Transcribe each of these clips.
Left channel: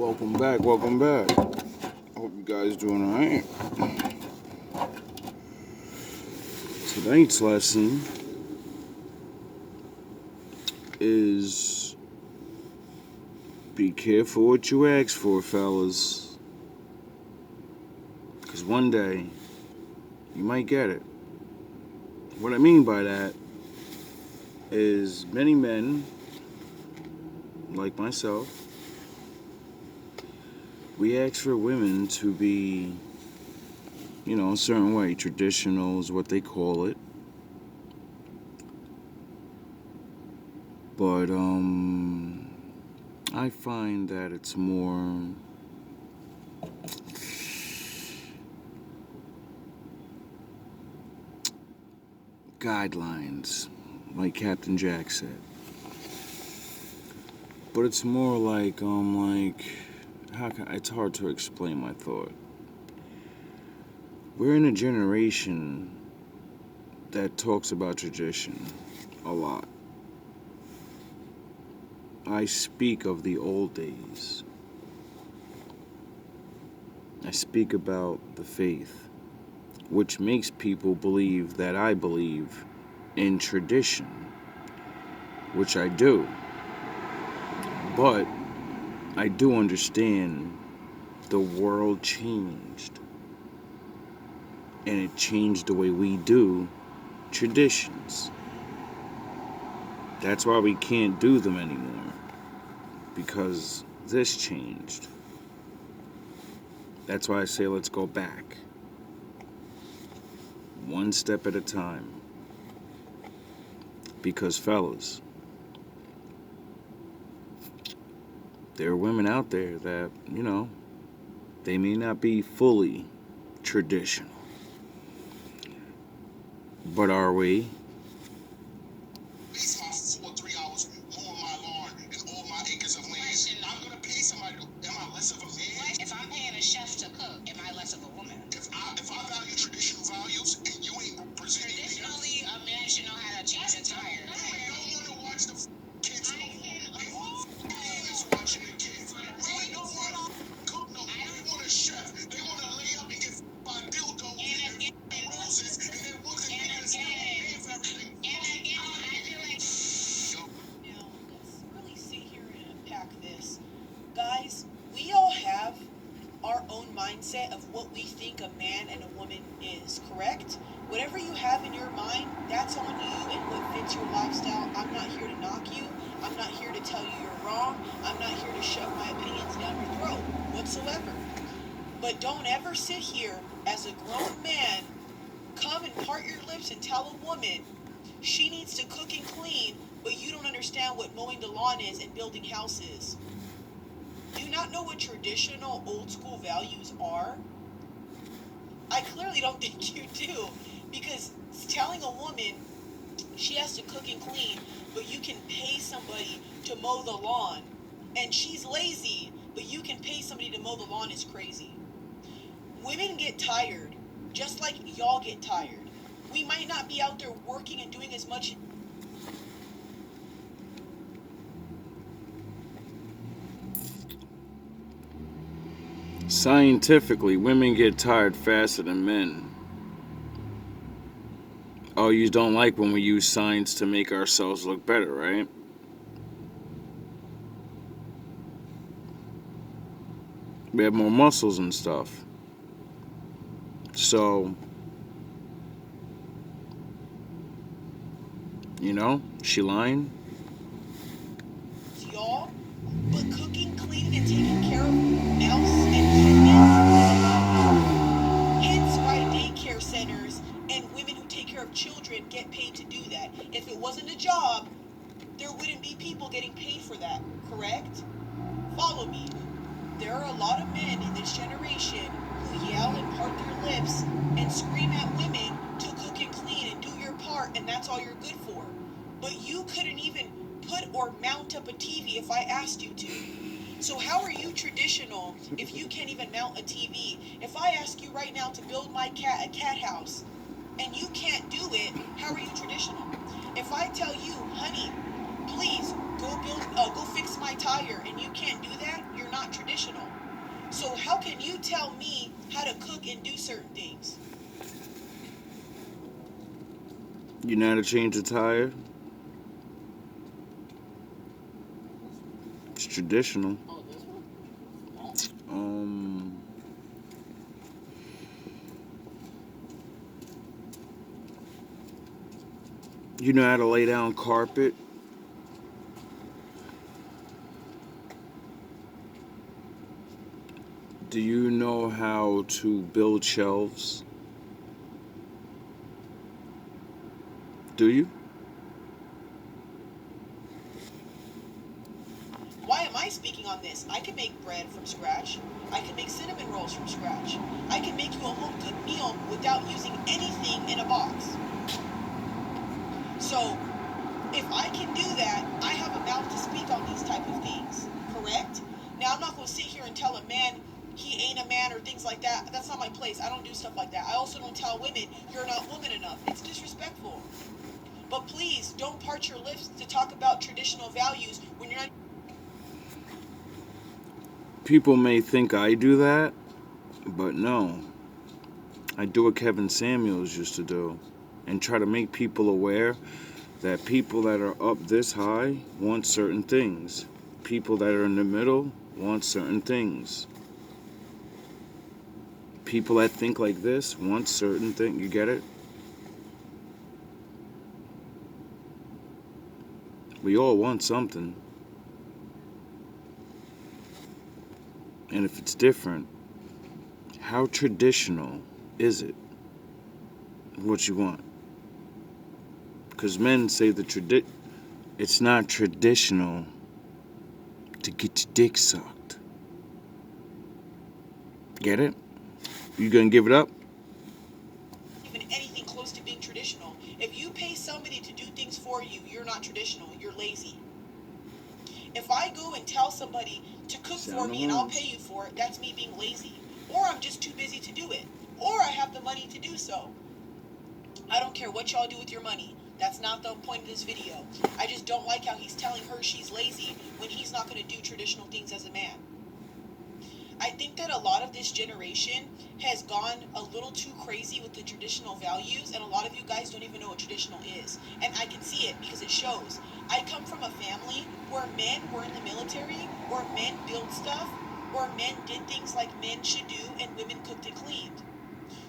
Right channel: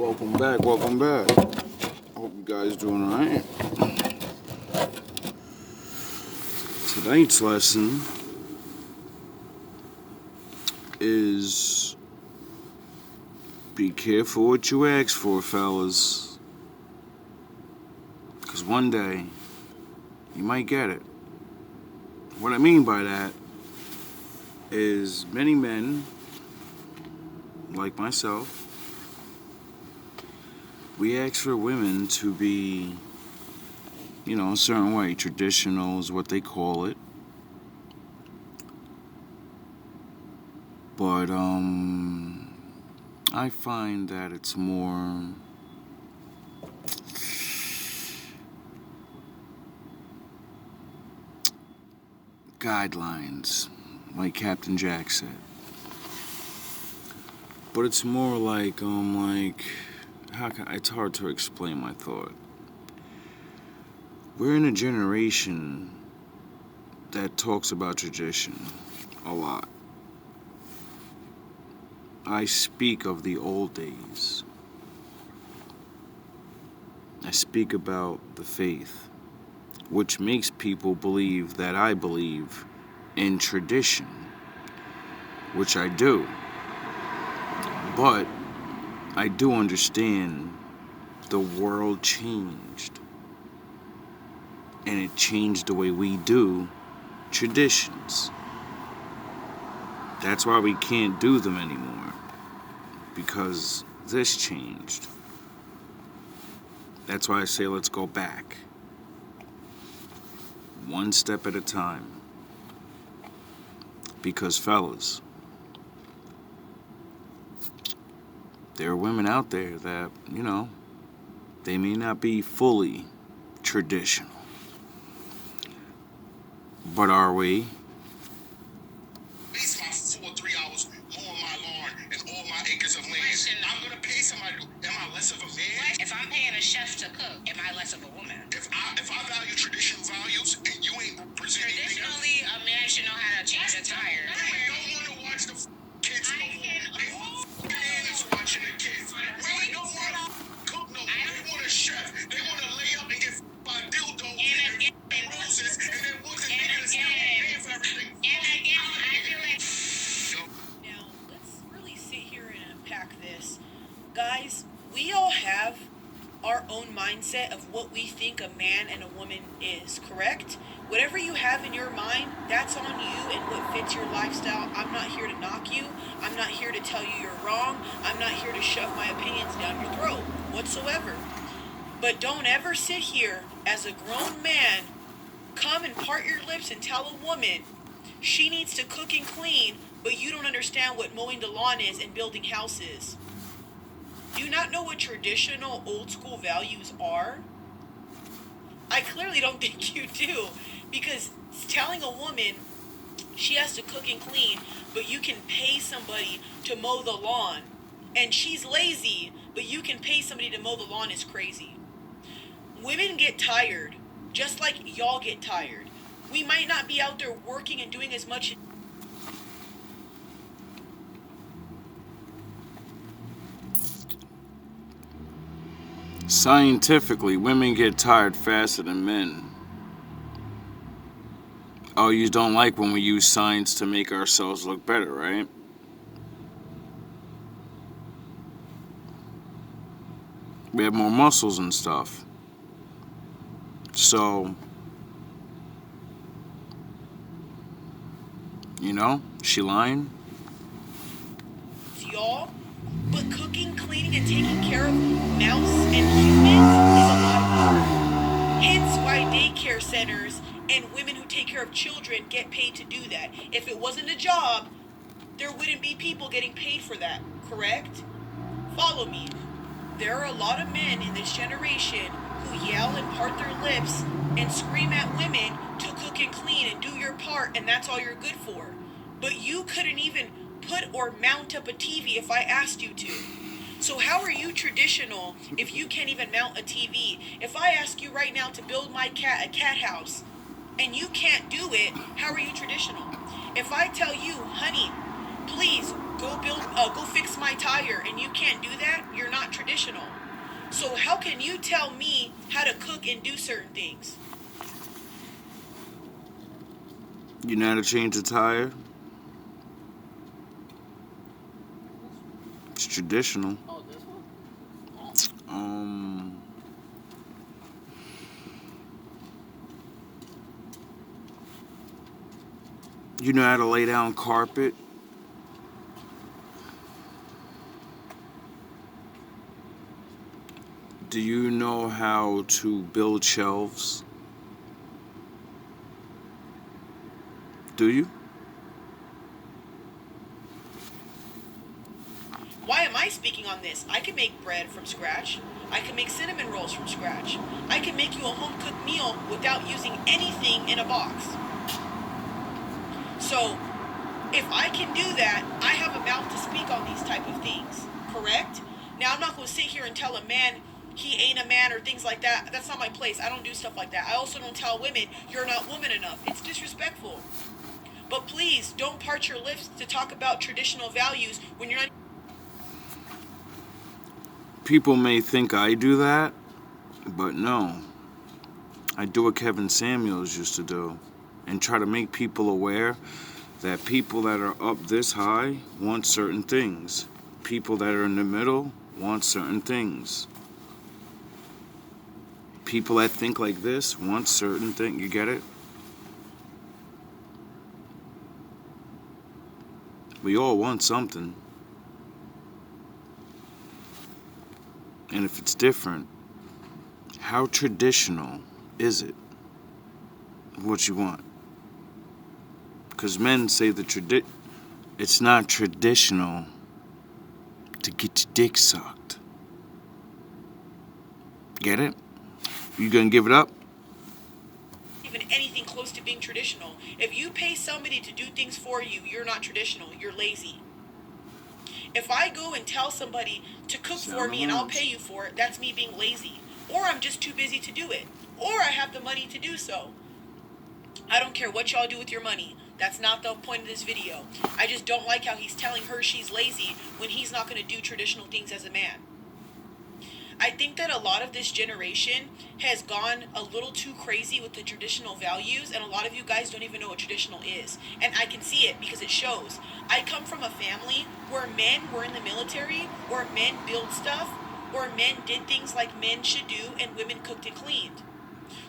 Welcome back, welcome back. I hope you guys doing alright. Tonight's lesson is be careful what you ask for, fellas. Because one day, you might get it. What I mean by that is many men, like myself, we ask for women to be, a certain way. Traditional is what they call it. But, I find that it's more guidelines, like Captain Jack said. But it's more like, it's hard to explain my thought. We're in a generation that talks about tradition a lot. I speak of the old days. I speak about the faith, which makes people believe that I believe in tradition, which I do. But I do understand the world changed, and it changed the way we do traditions. That's why we can't do them anymore, because this changed. That's why I say let's go back, one step at a time. Because fellas, there are women out there that, they may not be fully traditional. But are we? Waste my 3 hours mowing my lawn and all my acres of land. I'm gonna pay somebody to. Am I less of a man? If I'm paying a chef to cook, am I less of a woman? If I value traditional values and you ain't presenting anything else, Traditionally, a man should know how to change a tire. women don't want to watch the kids no more. Man is watching the kids. Women don't want to cook no more. They want a chef. They want to lay up and get by dildo and roses and then once a man is paying for everything. And again, I feel like... Now, let's really sit here and unpack this. Guys, we all have our own mindset of what we think a man and a woman is, correct? Whatever you have in your mind, that's on you and what fits your lifestyle. I'm not here to knock you. I'm not here to tell you you're wrong. I'm not here to shove my opinions down your throat whatsoever. But don't ever sit here as a grown man, come and part your lips and tell a woman she needs to cook and clean, but you don't understand what mowing the lawn is and building houses. Do you not know what traditional old school values are? I clearly don't think you do, because telling a woman she has to cook and clean, but you can pay somebody to mow the lawn, and she's lazy, but you can pay somebody to mow the lawn is crazy. Women get tired, just like y'all get tired. We might not be out there working and doing as much. Scientifically, women get tired faster than men. Oh, you don't like when we use science to make ourselves look better, right? We have more muscles and stuff. So, she lying? Y'all, but cooking, cleaning, and taking care of mouse and humans is a lot harder. Hence why daycare centers and women who take care of children get paid to do that. If it wasn't a job, there wouldn't be people getting paid for that, correct? Follow me. There are a lot of men in this generation who yell and part their lips and scream at women to cook and clean and do your part, and that's all you're good for. But you couldn't even put or mount up a TV if I asked you to. So how are you traditional if you can't even mount a TV? If I ask you right now to build my cat a cat house and you can't do it, how are you traditional? If I tell you, honey, please go fix my tire, and you can't do that, you're not traditional. So how can you tell me how to cook and do certain things? You know how to change a tire? It's traditional. Oh, this one? You know how to lay down carpet? Do you know how to build shelves? Do you? Why am I speaking on this? I can make bread from scratch. I can make cinnamon rolls from scratch. I can make you a home cooked meal without using anything in a box. So, if I can do that, I have a mouth to speak on these type of things, correct? Now, I'm not going to sit here and tell a man he ain't a man or things like that. That's not my place. I don't do stuff like that. I also don't tell women you're not woman enough. It's disrespectful. But please, don't part your lips to talk about traditional values when you're not. People may think I do that, but no. I do what Kevin Samuels used to do and try to make people aware that people that are up this high want certain things. People that are in the middle want certain things. People that think like this want certain things. You get it? We all want something. And if it's different, how traditional is it? What you want? Because men say it's not traditional to get your dick sucked. Get it? You gonna give it up? Even anything close to being traditional. If you pay somebody to do things for you, you're not traditional. You're lazy. If I go and tell somebody to cook for me and I'll pay you for it, that's me being lazy. Or I'm just too busy to do it. Or I have the money to do so. I don't care what y'all do with your money. That's not the point of this video. I just don't like how he's telling her she's lazy when he's not going to do traditional things as a man. I think that a lot of this generation has gone a little too crazy with the traditional values, and a lot of you guys don't even know what traditional is. And I can see it because it shows. I come from a family where men were in the military, where men built stuff, where men did things like men should do, and women cooked and cleaned.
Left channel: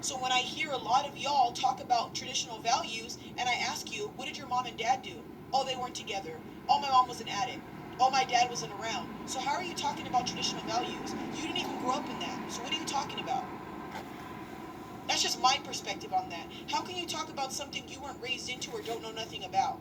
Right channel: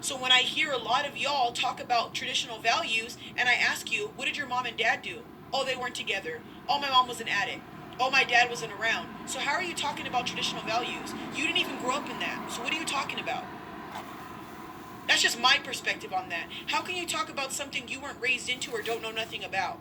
So when I hear a lot of y'all talk about traditional values, and I ask you, what did your mom and dad do? Oh, they weren't together. Oh, my mom was an addict. Oh, my dad wasn't around. So how are you talking about traditional values? You didn't even grow up in that. So what are you talking about? That's just my perspective on that. How can you talk about something you weren't raised into or don't know nothing about?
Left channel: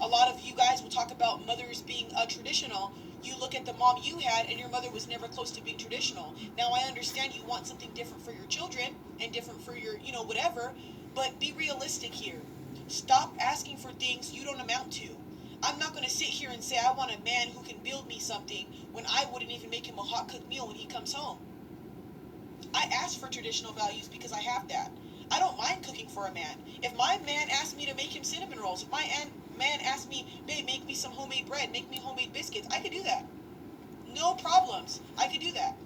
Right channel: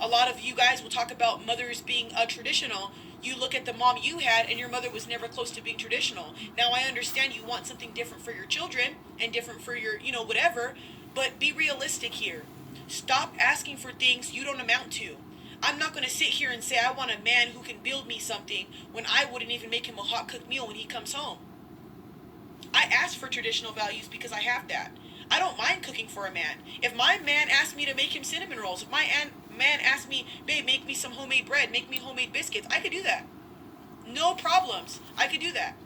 A lot of you guys will talk about mothers being traditional. You look at the mom you had and your mother was never close to being traditional. Now I understand you want something different for your children and different for your, whatever, but be realistic here. Stop asking for things you don't amount to. I'm not going to sit here and say I want a man who can build me something when I wouldn't even make him a hot cooked meal when he comes home. I ask for traditional values because I have that. I don't mind cooking for a man. If my man asked me to make him cinnamon rolls, if my man asked me, babe, make me some homemade bread, make me homemade biscuits, I could do that. No problems. I could do that.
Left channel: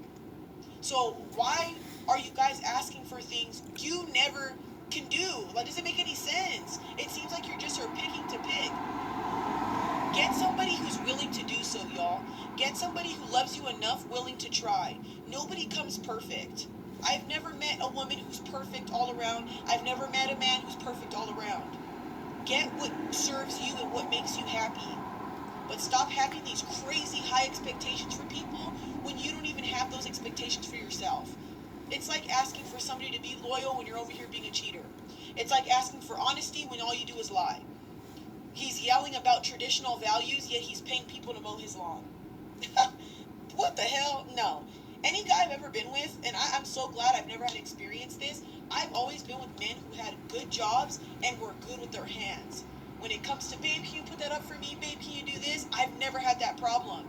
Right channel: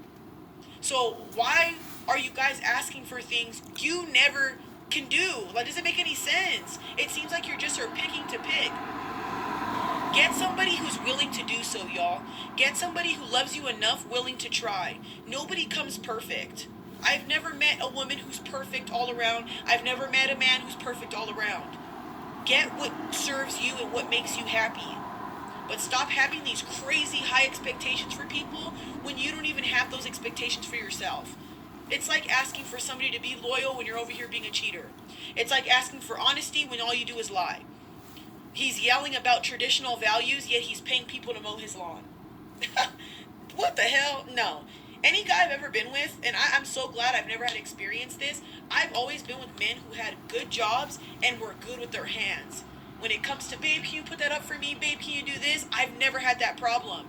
So why are you guys asking for things you never can do? That doesn't make any sense. It seems like you're just picking to pick. Get somebody who's willing to do so, y'all. Get somebody who loves you enough, willing to try. Nobody comes perfect. I've never met a woman who's perfect all around. I've never met a man who's perfect all around. Get what serves you and what makes you happy. But stop having these crazy high expectations for people when you don't even have those expectations for yourself. It's like asking for somebody to be loyal when you're over here being a cheater. It's like asking for honesty when all you do is lie. He's yelling about traditional values, yet he's paying people to mow his lawn. What the hell? No. Any guy I've ever been with, and I'm so glad I've never had to experience this, I've always been with men who had good jobs and were good with their hands. When it comes to, babe, can you put that up for me? Babe, can you do this? I've never had that problem.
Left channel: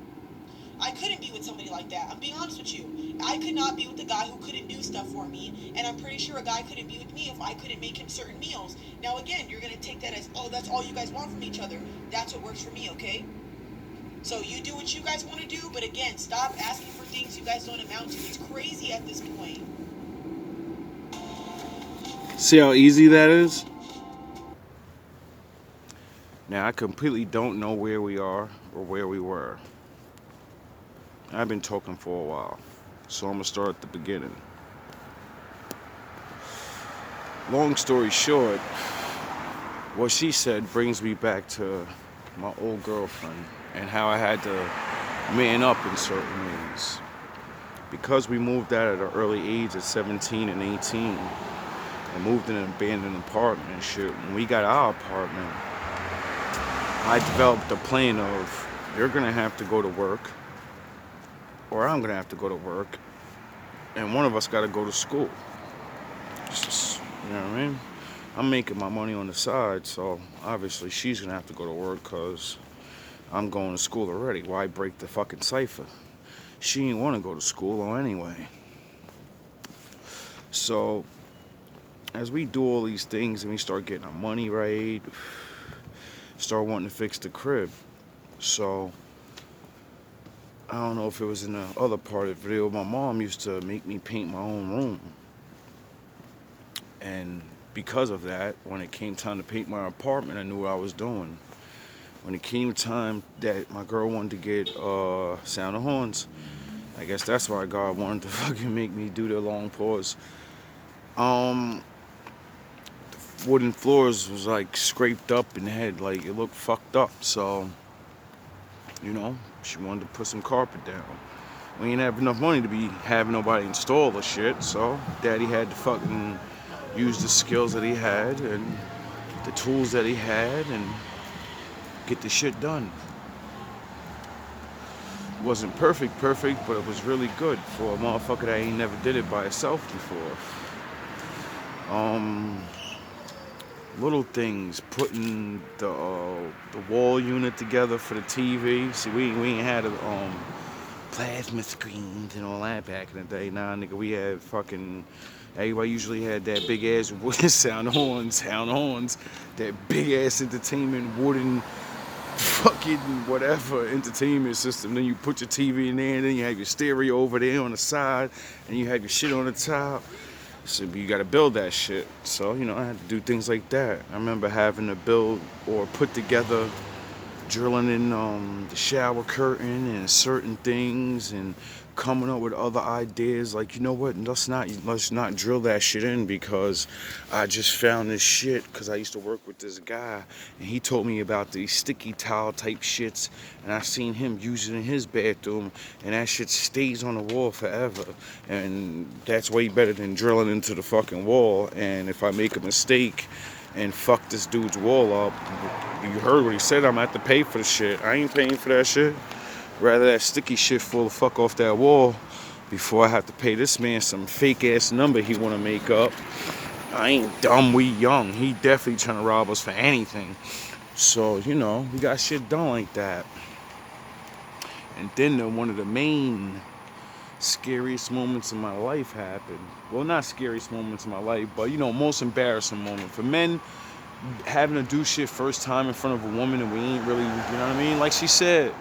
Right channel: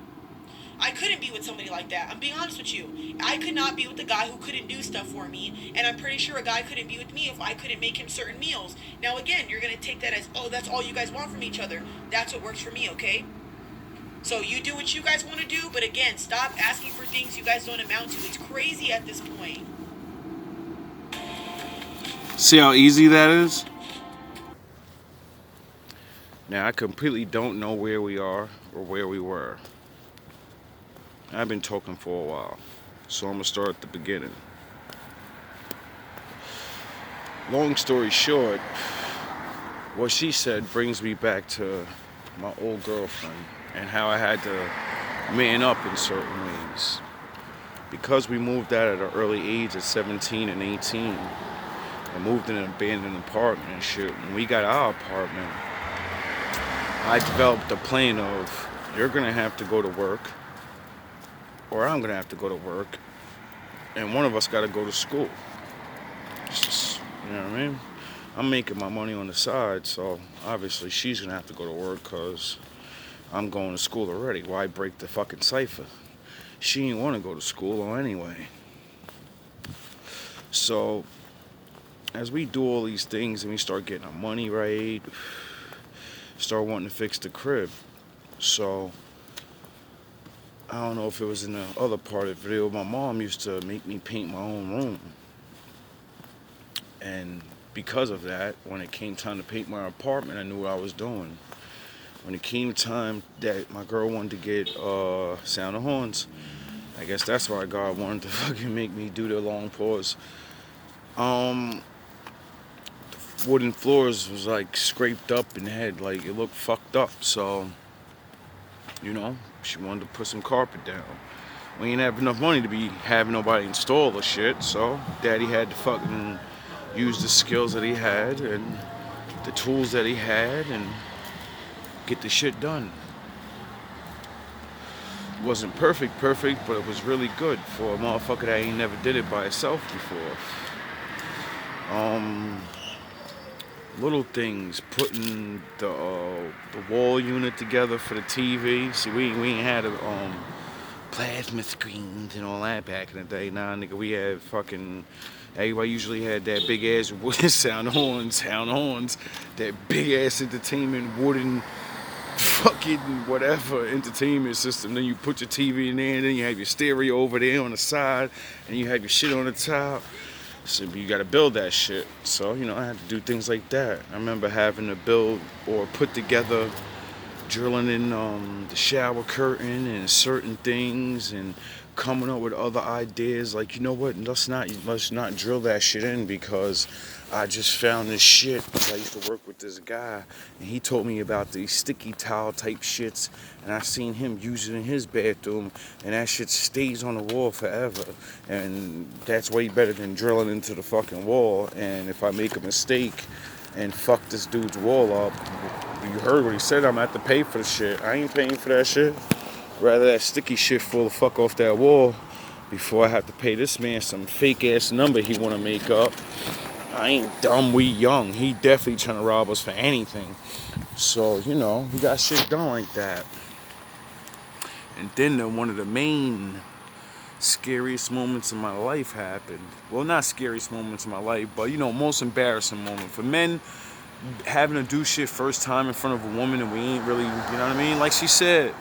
I couldn't be with somebody like that. I'm being honest with you. I could not be with a guy who couldn't do stuff for me, and I'm pretty sure a guy couldn't be with me if I couldn't make him certain meals. Now, again, you're gonna take that as, oh, that's all you guys want from each other. That's what works for me, okay? So you do what you guys want to do, but again, stop asking for things you guys don't amount to. It's crazy at this point. See how easy that is? Now, I completely don't know where we are or where we were. I've been talking for a while, so I'm going to start at the beginning. Long story short, what she said brings me back to my old girlfriend and how I had to man up in certain ways. Because we moved out at an early age at 17 and 18 and moved in an abandoned apartment and shit, when we got our apartment, I developed a plan of, you're gonna have to go to work, or I'm gonna have to go to work, and one of us gotta go to school. You know what I mean? I'm making my money on the side, so obviously she's gonna have to go to work because I'm going to school already. Why break the fucking cipher? She didn't want to go to school anyway. So, as we do all these things and we start getting our money right, start wanting to fix the crib. So, I don't know if it was in the other part of the video, my mom used to make me paint my own room. And because of that, when it came time to paint my apartment, I knew what I was doing. When it came time that my girl wanted to get Sound of Horns, I guess that's why God wanted to fucking make me do the long pause. Wooden floors was like scraped up and had like, it looked fucked up. So, you know, she wanted to put some carpet down. We ain't have enough money to be having nobody install the shit, so Daddy had to fucking use the skills that he had and the tools that he had and get the shit done. It wasn't perfect, but it was really good for a motherfucker that ain't never did it by himself before. Little things, putting the wall unit together for the TV. See, we ain't had a plasma screens and all that back in the day. Nah, nigga, we had fucking. Everybody usually had that big ass sound horns, that big ass entertainment wooden fucking whatever entertainment system. Then you put your TV in there, and then you have your stereo over there on the side, and you have your shit on the top. So you gotta build that shit. So, you know, I had to do things like that. I remember having to build or put together, drilling in the shower curtain and certain things and coming up with other ideas like, you know what, let's not drill that shit in because I just found this shit because I used to work with this guy and he told me about these sticky towel type shits and I seen him use it in his bathroom and that shit stays on the wall forever and that's way better than drilling into the fucking wall. And if I make a mistake and fuck this dude's wall up, you heard what he said, I'm gonna have to pay for the shit. I ain't paying for that shit. Rather that sticky shit fall the fuck off that wall before I have to pay this man some fake ass number he wanna make up. I ain't dumb, we young. He definitely trying to rob us for anything. So, you know, we got shit done like that. And then one of the main scariest moments in my life happened. Well, not scariest moments in my life, but, you know, most embarrassing moment. For men, having to do shit first time in front of a woman and we ain't really, you know what I mean? Like she said,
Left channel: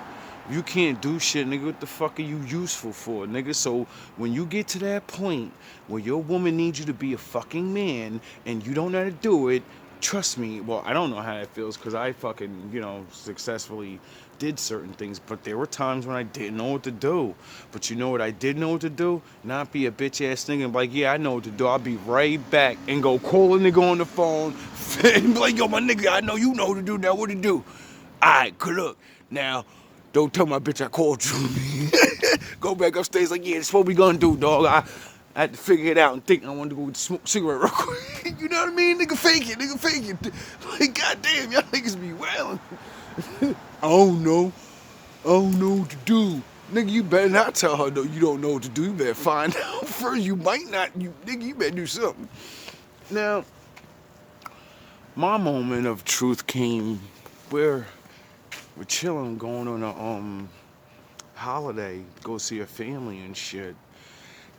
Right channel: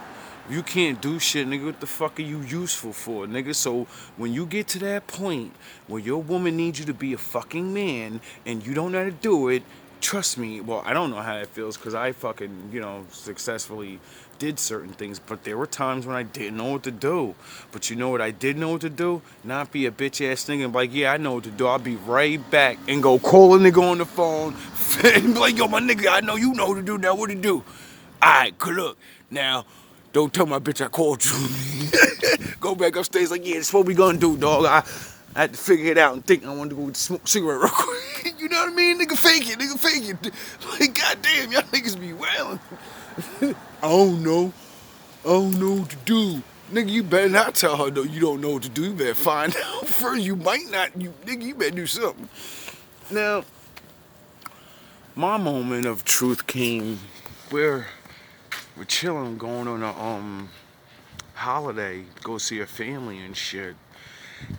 you can't do shit, nigga. What the fuck are you useful for, nigga? So when you get to that point where your woman needs you to be a fucking man and you don't know how to do it, trust me, well, I don't know how it feels because I fucking, you know, successfully did certain things, but there were times when I didn't know what to do. But you know what I did know what to do? Not be a bitch ass nigga and be like, yeah, I know what to do. I'll be right back and go call a nigga on the phone and be like, yo, my nigga, I know you know what to do now. What to do? Alright, good look. Now, don't tell my bitch I called you. Go back upstairs like, yeah, that's what we gonna do, dog. I had to figure it out and think I wanted to go smoke a cigarette real quick. You know what I mean? Nigga, fake it. Like, goddamn, y'all niggas be wailing. I don't know what to do. Nigga, you better not tell her no, you don't know what to do. You better find out first. You might not. Nigga, you better do something. Now, my moment of truth came where we're chilling, going on a holiday, go see her family and shit.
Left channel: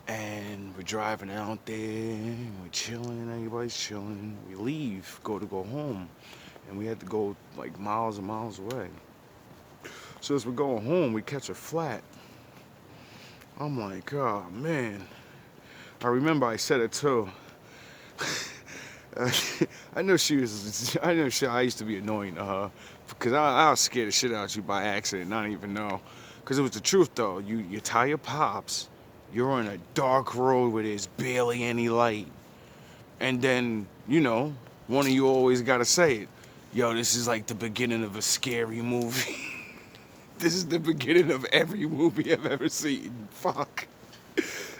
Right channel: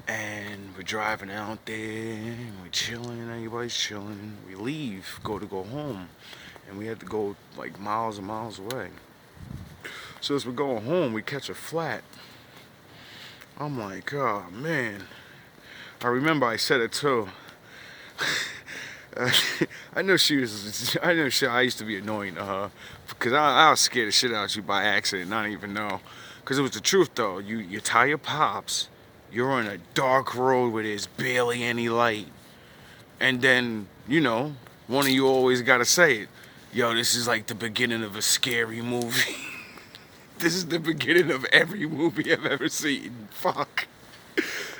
And we're driving out there, and we're chilling, everybody's chilling. We leave, go home, and we had to go like miles and miles away. So as we're going home, we catch a flat. I'm like, oh man. I remember I said it too. I know she was. I used to be annoying to her because I'll scare the shit out of you by accident, not even know. Because it was the truth though. You tie your pops. You're on a dark road where there's barely any light, and then one of you always gotta say it. Yo, this is like the beginning of a scary movie. This is the beginning of every movie I've ever seen. Fuck.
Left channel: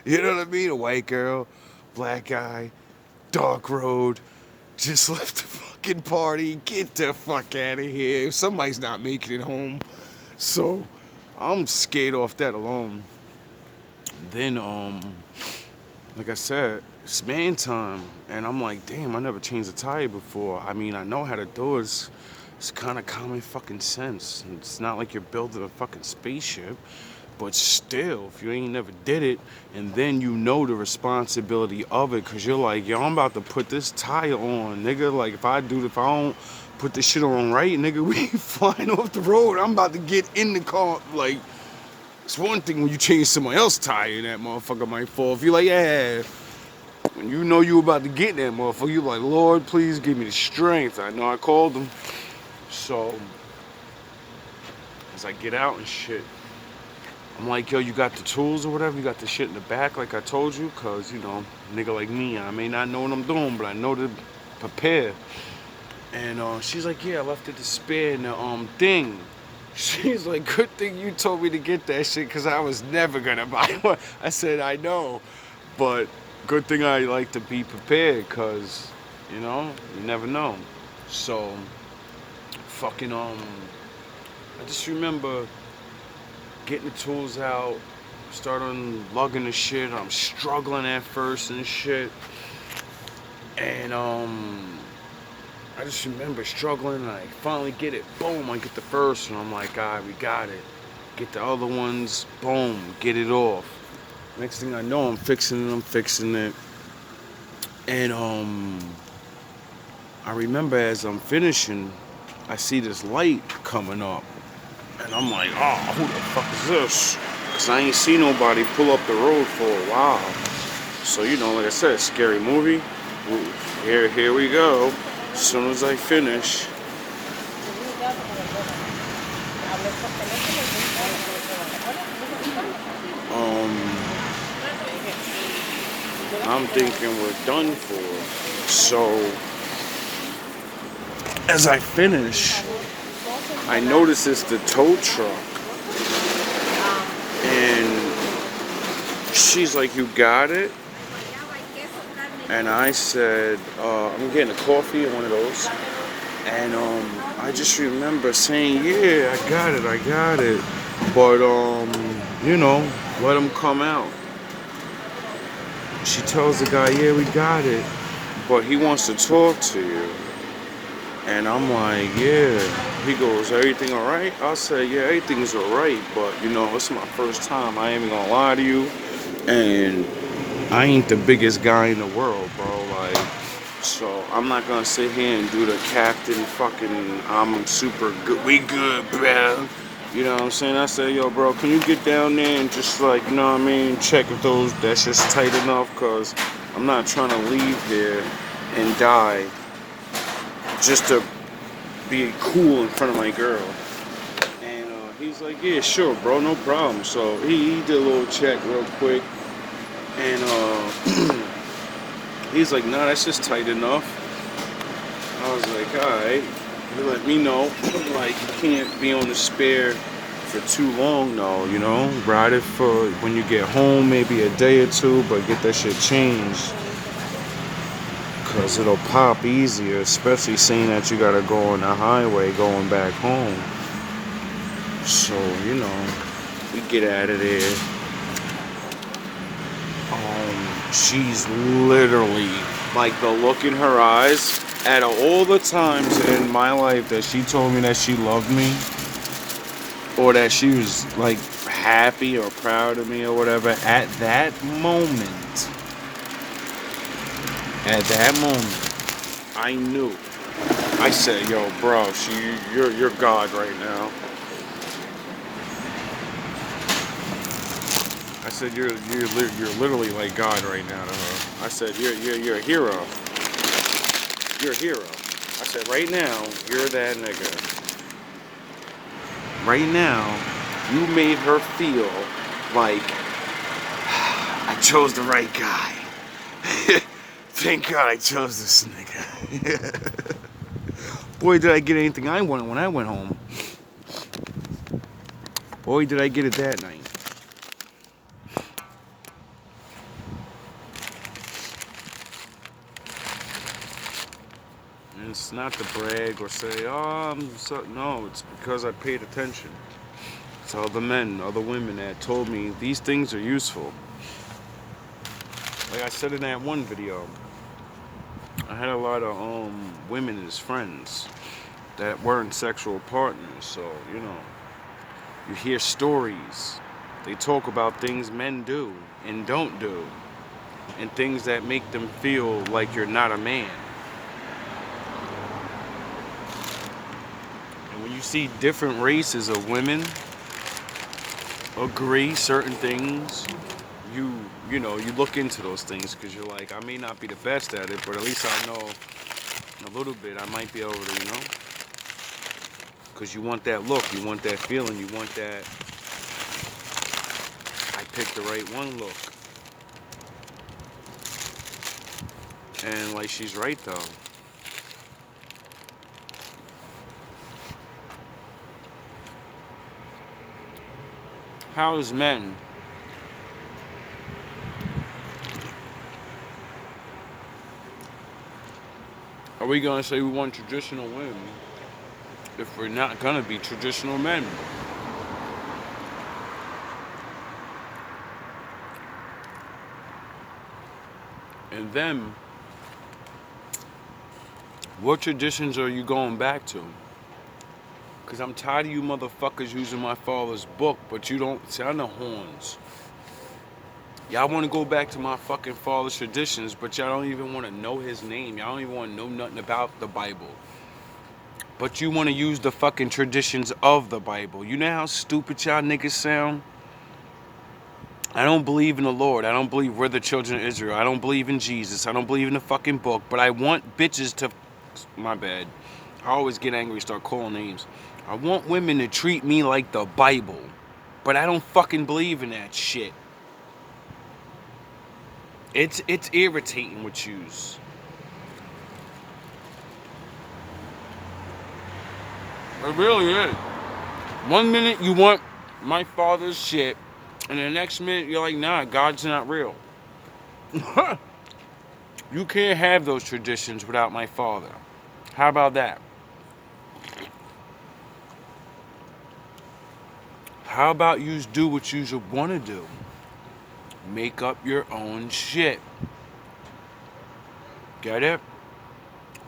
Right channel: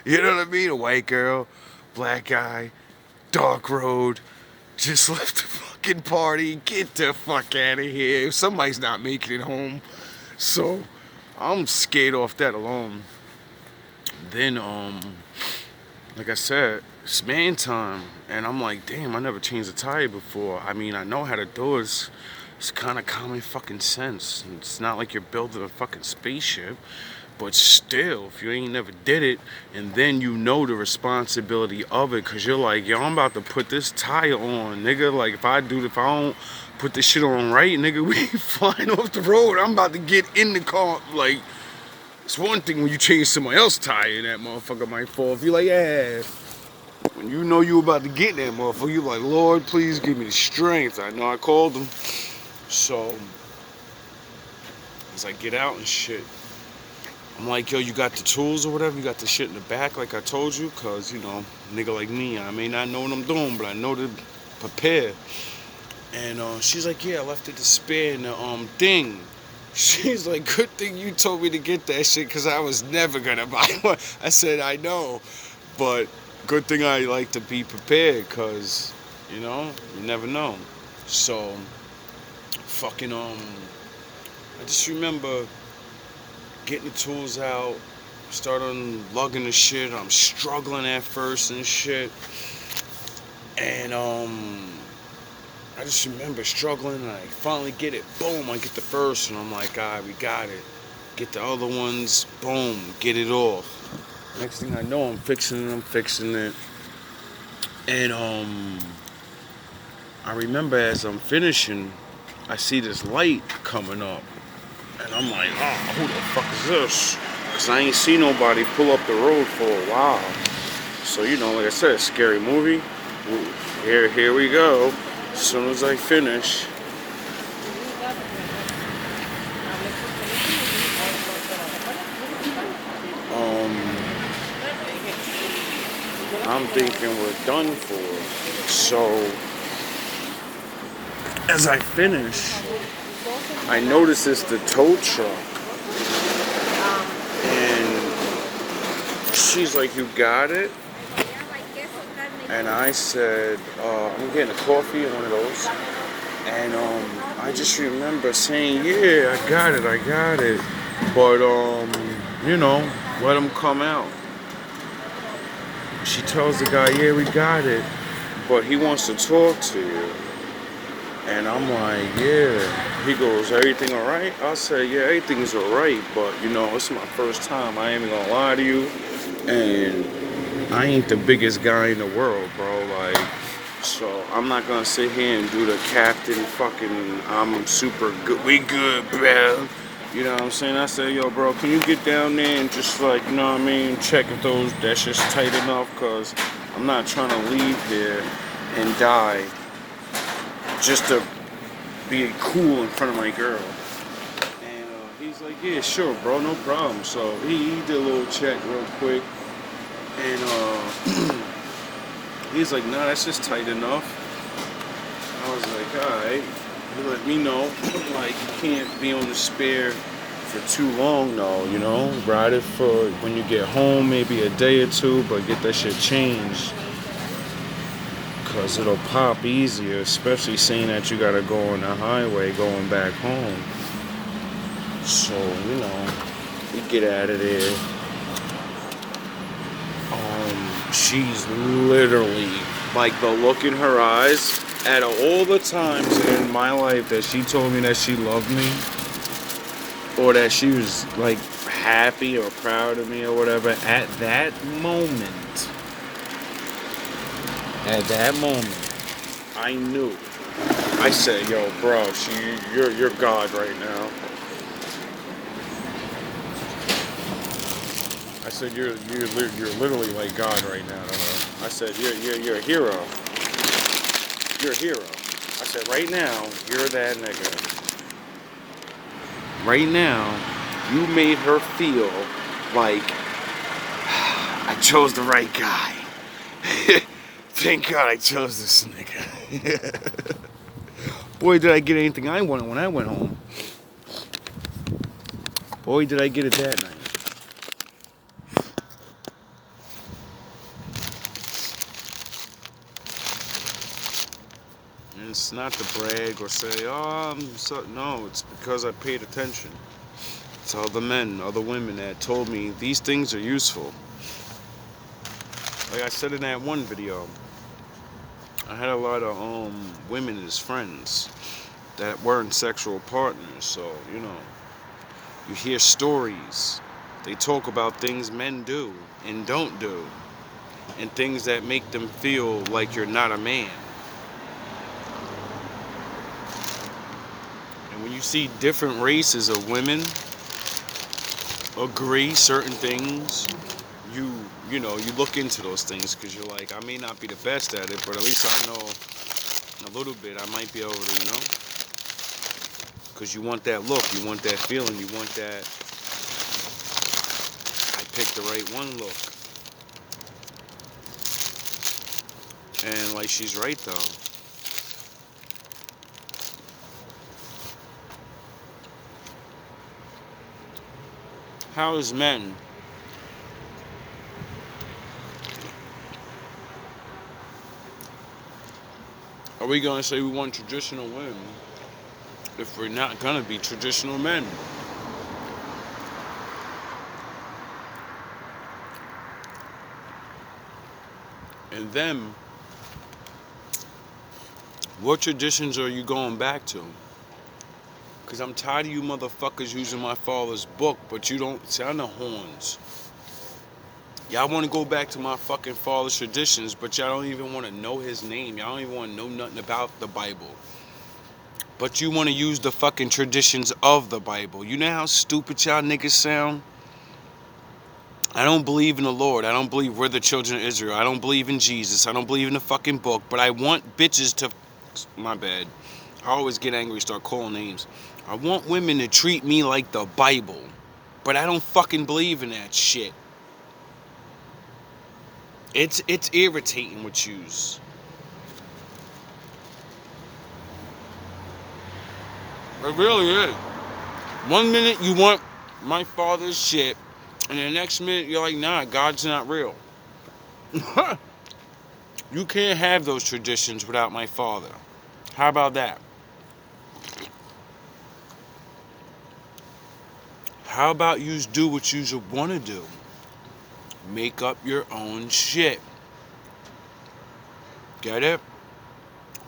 You know what I mean? A white girl, black guy, dark road, just left the fucking party. Get the fuck out of here. Somebody's not making it home. So I'm scared off that alone. Then, like I said, it's man time. And I'm like, damn, I never changed a tire before. I mean, I know how to do it. It's kind of common fucking sense. It's not like you're building a fucking spaceship. But still, if you ain't never did it, and then you know the responsibility of it, because you're like, yo, I'm about to put this tire on, nigga. Like, if I don't put this shit on right, nigga, we flying off the road. I'm about to get in the car. Like, it's one thing when you change somebody else's tire and that motherfucker might fall. If you're like, yeah, when you know you about to get in that motherfucker, you're like, Lord, please give me the strength. I know I called him. So, as I get out and shit, I'm like, yo, you got the tools or whatever? You got the shit in the back like I told you? Because, nigga like me, I may not know what I'm doing, but I know to prepare. And she's like, yeah, I left it to spare in the thing. She's like, good thing you told me to get that shit because I was never going to buy one. I said, I know, but good thing I like to be prepared because, you never know. So, fucking, I just remember getting the tools out, starting lugging the shit. I'm struggling at first and shit. And I just remember struggling, and I finally get it. Boom, I get the first one. I'm like, all right, we got it. Get the other ones. Boom, get it off. Next thing I know, I'm fixing it. And I remember as I'm finishing, I see this light coming up. And I'm like, oh, who the fuck is this? Because I ain't seen nobody pull up the road for a while. So, like I said, scary movie. Here we go. As soon as I finish. I'm thinking we're done for. So, as I finish, I notice it's the tow truck. And she's like, you got it? And I said, I'm getting a coffee, one of those. And I just remember saying, yeah, I got it. But, let him come out. She tells the guy, yeah, we got it. But he wants to talk to you. And I'm like, yeah. He goes, everything all right? I said, yeah, everything's all right. But, it's my first time. I ain't even gonna lie to you. And I ain't the biggest guy in the world, bro. Like, so I'm not gonna sit here and do the captain fucking, I'm super good. We good, bro. You know what I'm saying? I said, yo, bro, can you get down there and just like, check if that's just tight enough? Because I'm not trying to leave here and die just to be cool in front of my girl. And he's like, yeah, sure, bro, no problem. So he did a little check real quick. And he's like, nah, that's just tight enough. I was like, alright. He let me know, like, you can't be on the spare for too long though, Ride it for when you get home, maybe a day or two, but get that shit changed. Because it'll pop easier, especially saying that you gotta go on the highway going back home. So, we get out of there. She's literally, like, the look in her eyes, out of all the times in my life that she told me that she loved me, or that she was like happy or proud of me or whatever, at that moment, I knew. I said, yo, bro, see, you're God right now. I said, you're literally like God right now to her. I said, you're a hero. You're a hero. I said, right now, you're that nigga. Right now, you made her feel like I chose the right guy. Thank God I chose this nigga. Boy, did I get anything I wanted when I went home. Boy, did I get it that night. And it's not to brag or say, oh, no, it's because I paid attention to other men, other women that told me these things are useful. Like I said in that one video, I had a lot of women as friends that weren't sexual partners, so, you know, you hear stories. They talk about things men do and don't do, and things that make them feel like you're not a man. And when you see different races of women agree certain things, you know, you look into those things because you're like, I may not be the best at it, but at least I know a little bit. I might be able to, you know, because you want that look, you want that feeling, you want that I picked the right one look. And like, she's right though. How is men are we gonna say we want traditional women if we're not gonna be traditional men? And then, what traditions are you going back to? Because I'm tired of you motherfuckers using my father's book, but you don't sound the horns. Y'all want to go back to my fucking father's traditions, but y'all don't even want to know his name. Y'all don't even want to know nothing about the Bible. But you want to use the fucking traditions of the Bible. You know how stupid y'all niggas sound? I don't believe in the Lord. I don't believe we're the children of Israel. I don't believe in Jesus. I don't believe in the fucking book. But I want bitches to... My bad. I always get angry, start calling names. I want women to treat me like the Bible. But I don't fucking believe in that shit. It's irritating with yous. It really is. 1 minute you want my father's shit, and the next minute you're like, nah, God's not real. You can't have those traditions without my father. How about that? How about you do what you want to do? Make up your own shit. Get it?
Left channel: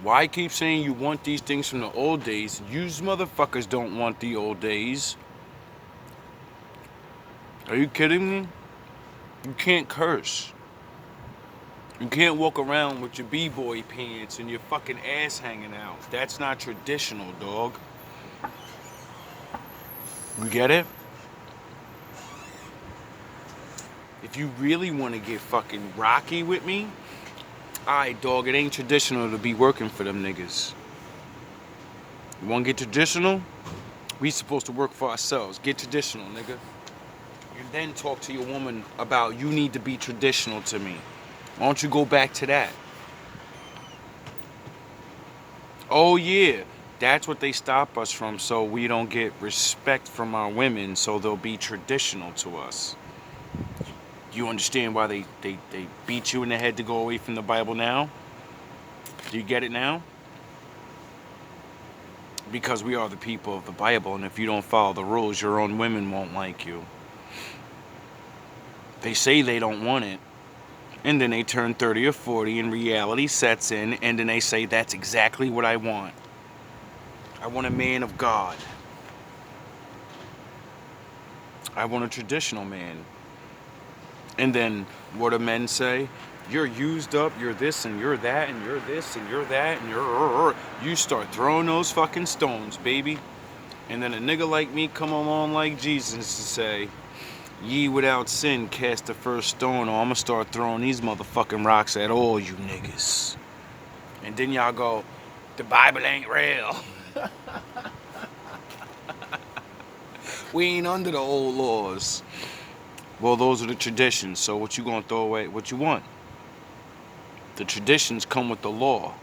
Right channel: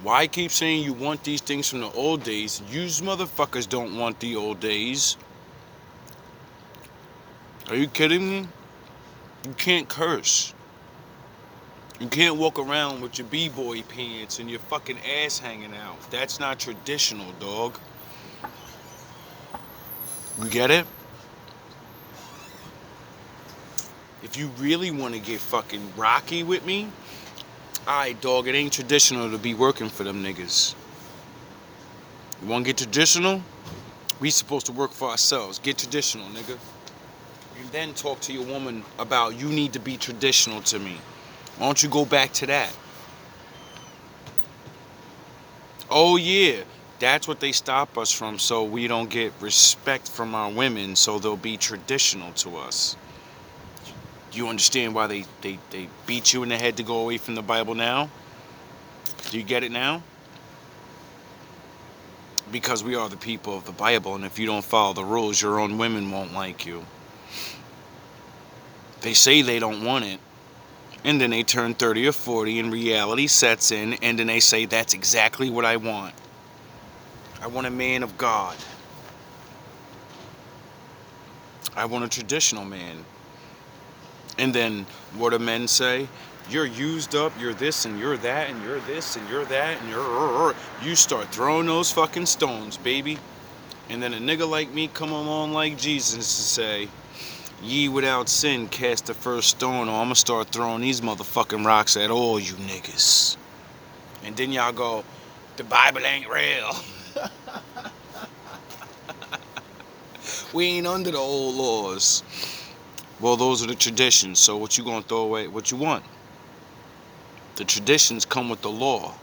Why keep saying you want these things from the old days? You motherfuckers don't want the old days. Are you kidding me? You can't curse. You can't walk around with your b-boy pants and your fucking ass hanging out. That's not traditional, dog. You get it? If you really want to get fucking rocky with me, alright, dog, it ain't traditional to be working for them niggas. You want to get traditional? We supposed to work for ourselves. Get traditional, nigga. You then talk to your woman about you need to be traditional to me. Why don't you go back to that? Oh yeah, that's what they stop us from, so we don't get respect from our women, so they'll be traditional to us. You understand why they beat you in the head to go away from the Bible now? Do you get it now? Because we are the people of the Bible, and if you don't follow the rules, your own women won't like you. They say they don't want it, and then they turn 30 or 40, and reality sets in, and then they say, that's exactly what I want. I want a man of God. I want a traditional man. And then what do men say? You're used up, you're this and you're that and you're this and you're that and you're... You start throwing those fucking stones, baby. And then a nigga like me come along like Jesus to say, ye without sin cast the first stone, or I'm gonna start throwing these motherfucking rocks at all you niggas. And then y'all go, the Bible ain't real. We ain't under the old laws. Well, those are the traditions, so what you gonna throw away? What you want? The traditions come with the law.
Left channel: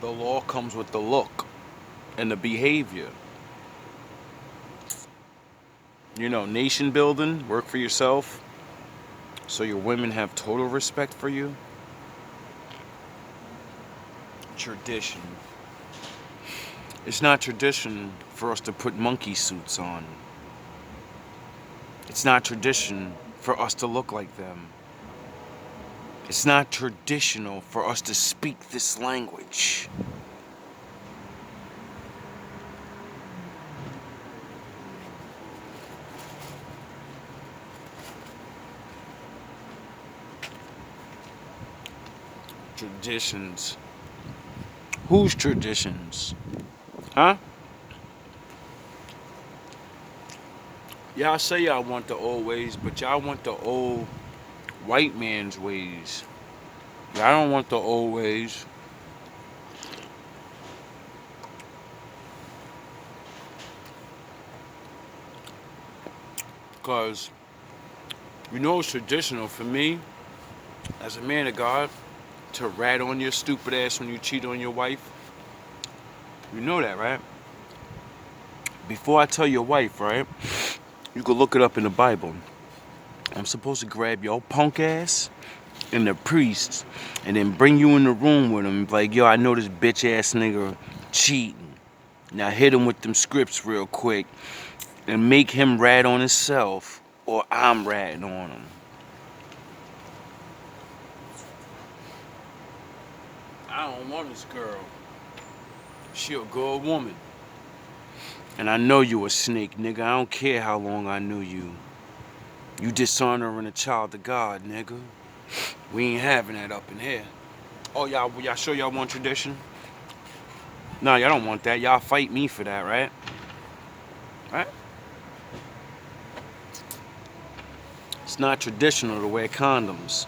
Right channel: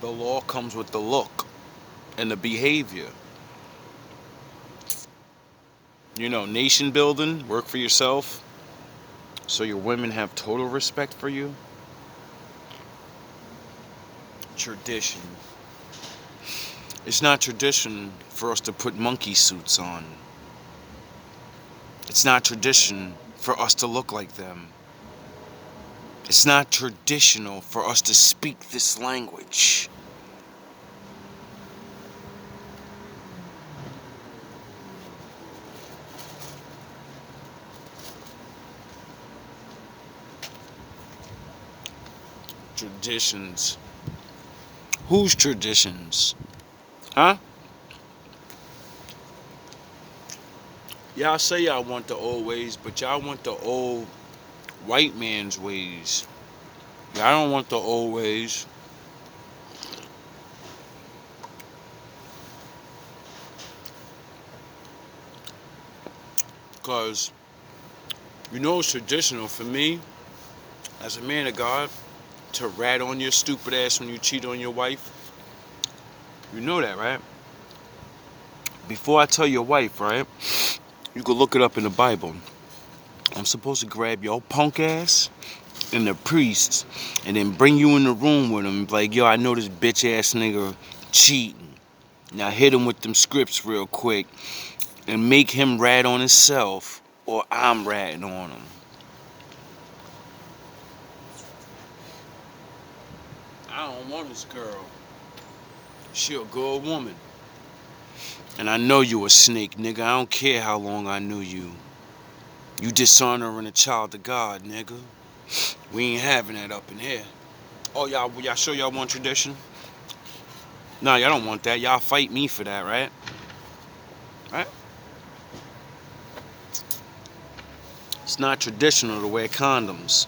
The law comes with the look and the behavior. You know, nation building, work for yourself, so your women have total respect for you. Tradition. It's not tradition for us to put monkey suits on. It's not tradition for us to look like them. It's not traditional for us to speak this language. Traditions. Whose traditions? Huh? Y'all say y'all want the old ways, but y'all want the old white man's ways. Y'all don't want the old ways. Because, you know, it's traditional for me, as a man of God, to rat on your stupid ass when you cheat on your wife. You know that, right? Before I tell your wife, right? You can look it up in the Bible. I'm supposed to grab your punk ass and the priests and then bring you in the room with him. Like, yo, I know this bitch ass nigga cheating. Now hit him with them scripts real quick and make him rat on himself, or I'm ratting on him. I don't want this girl. She a good woman. And I know you a snake, nigga. I don't care how long I knew you. You dishonoring a child of God, nigga. We ain't having that up in here. Oh, y'all sure y'all want tradition? No, y'all don't want that. Y'all fight me for that, right? Right? It's not traditional to wear condoms.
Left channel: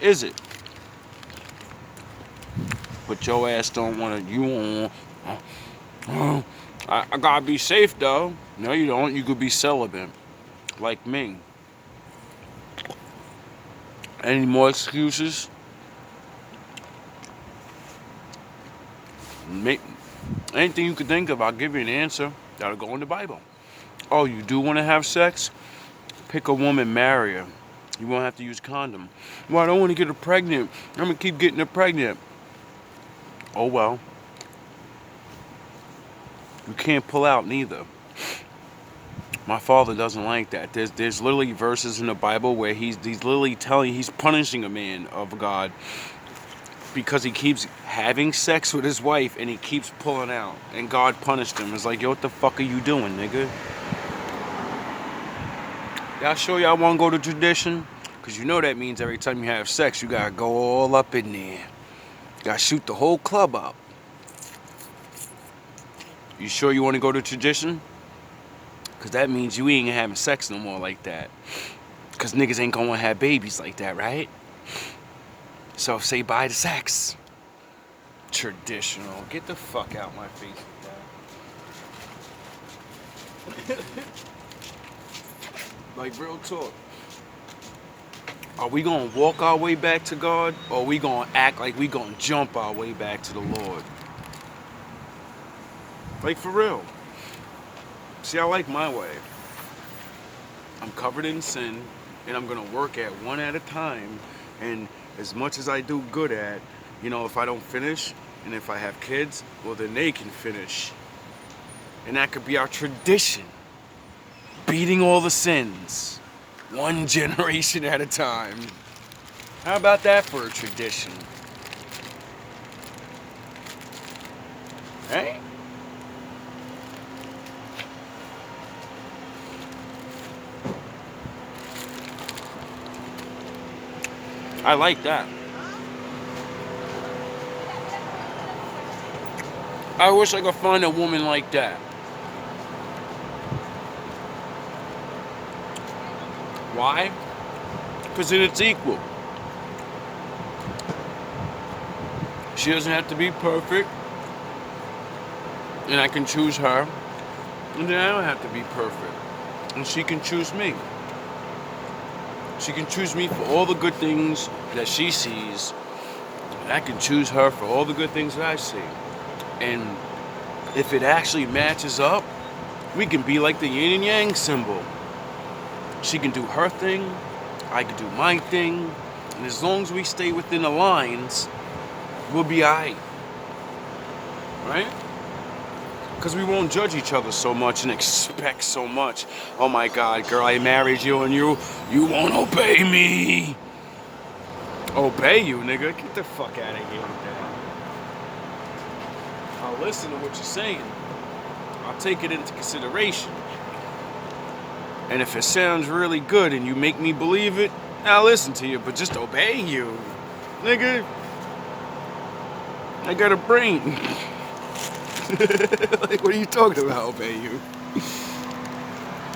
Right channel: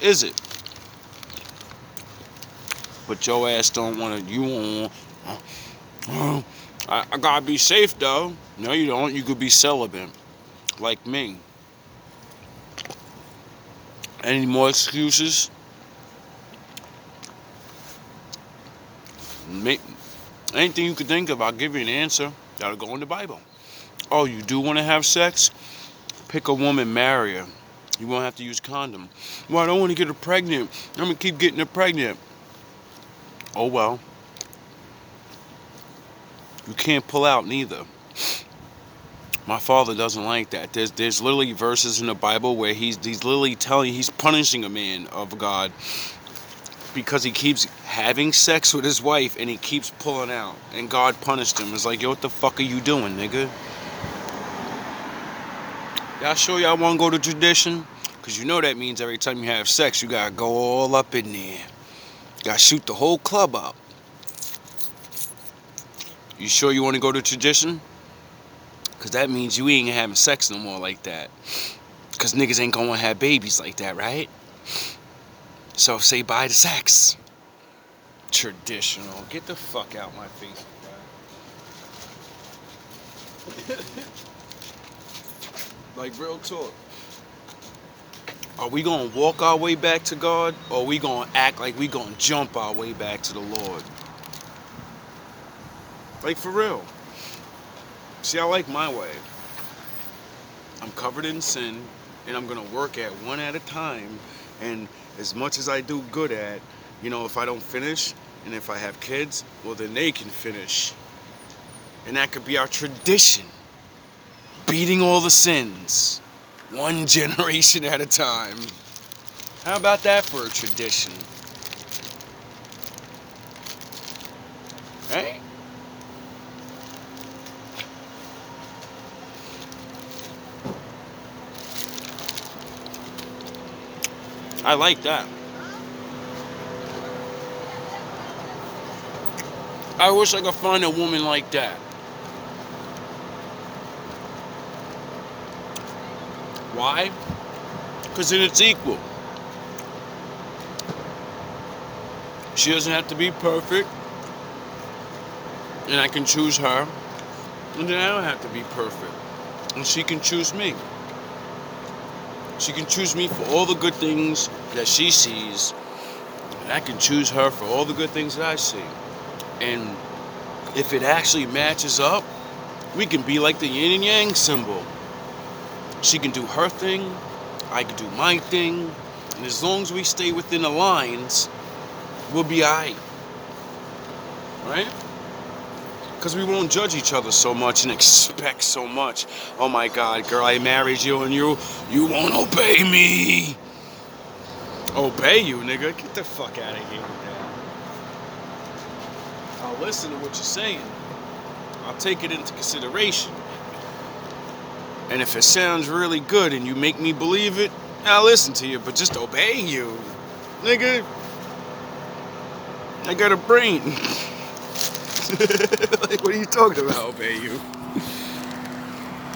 Is it? But your ass don't want to. You want. I gotta be safe though. No, you don't. You could be celibate, like me. Any more excuses? Anything you could think of, I'll give you an answer. That'll go in the Bible. Oh, you do want to have sex? Pick a woman, marry her. You won't have to use condom. Well, I don't want to get her pregnant. I'm gonna keep getting her pregnant. Oh well. You can't pull out neither. My father doesn't like that. There's literally verses in the Bible where he's literally he's punishing a man of God because he keeps having sex with his wife and he keeps pulling out. And God punished him. It's like, yo, what the fuck are you doing, nigga? Y'all sure y'all want to go to tradition? Because you know that means every time you have sex, you got to go all up in there. You got to shoot the whole club up. You sure you want to go to tradition? Because that means you ain't having sex no more like that. Because niggas ain't going to have babies like that, right? So say bye to sex. Traditional. Get the fuck out my face with that. Like, real talk. Are we going to walk our way back to God? Or are we going to act like we going to jump our way back to the Lord? Like, for real. See, I like my way. I'm covered in sin, and I'm going to work at one at a time. And as much as I do good at, you know, if I don't finish, and if I have kids, well, then they can finish. And that could be our tradition. Beating all the sins. One generation at a time. How about that for a tradition? Right? I like that. I wish I could find a woman like that. Why? Because then it's equal. She doesn't have to be perfect. And I can choose her. And then I don't have to be perfect. And she can choose me. She can choose me for all the good things that she sees. And I can choose her for all the good things that I see. And if it actually matches up, we can be like the yin and yang symbol. She can do her thing, I can do my thing, and as long as we stay within the lines, we'll be alright. Right? Because we won't judge each other so much and expect so much. Oh my God, girl, I married you and you won't obey me. Obey you, nigga? Get the fuck out of here with that. I'll listen to what you're saying. I'll take it into consideration. And if it sounds really good and you make me believe it, I'll listen to you, but just obey you. Nigga, I got a brain. Like, what are you talking about, obey you?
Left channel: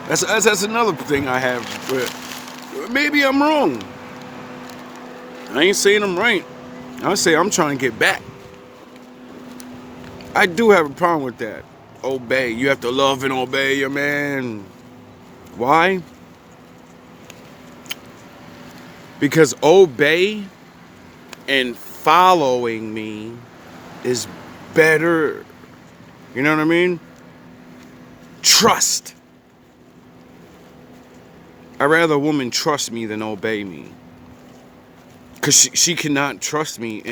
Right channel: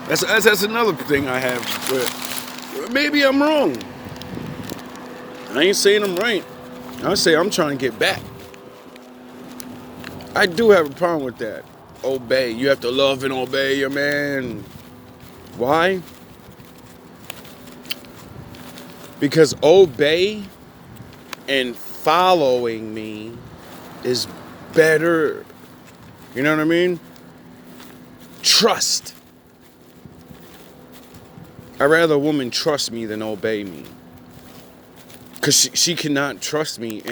That's another thing I have. But maybe I'm wrong. I ain't saying I'm right. I say I'm trying to get back. I do have a problem with that. Obey. You have to love and obey your man. Why? Because obey and following me is better. You know what I mean? Trust. I'd rather a woman trust me than obey me. Because she cannot trust me and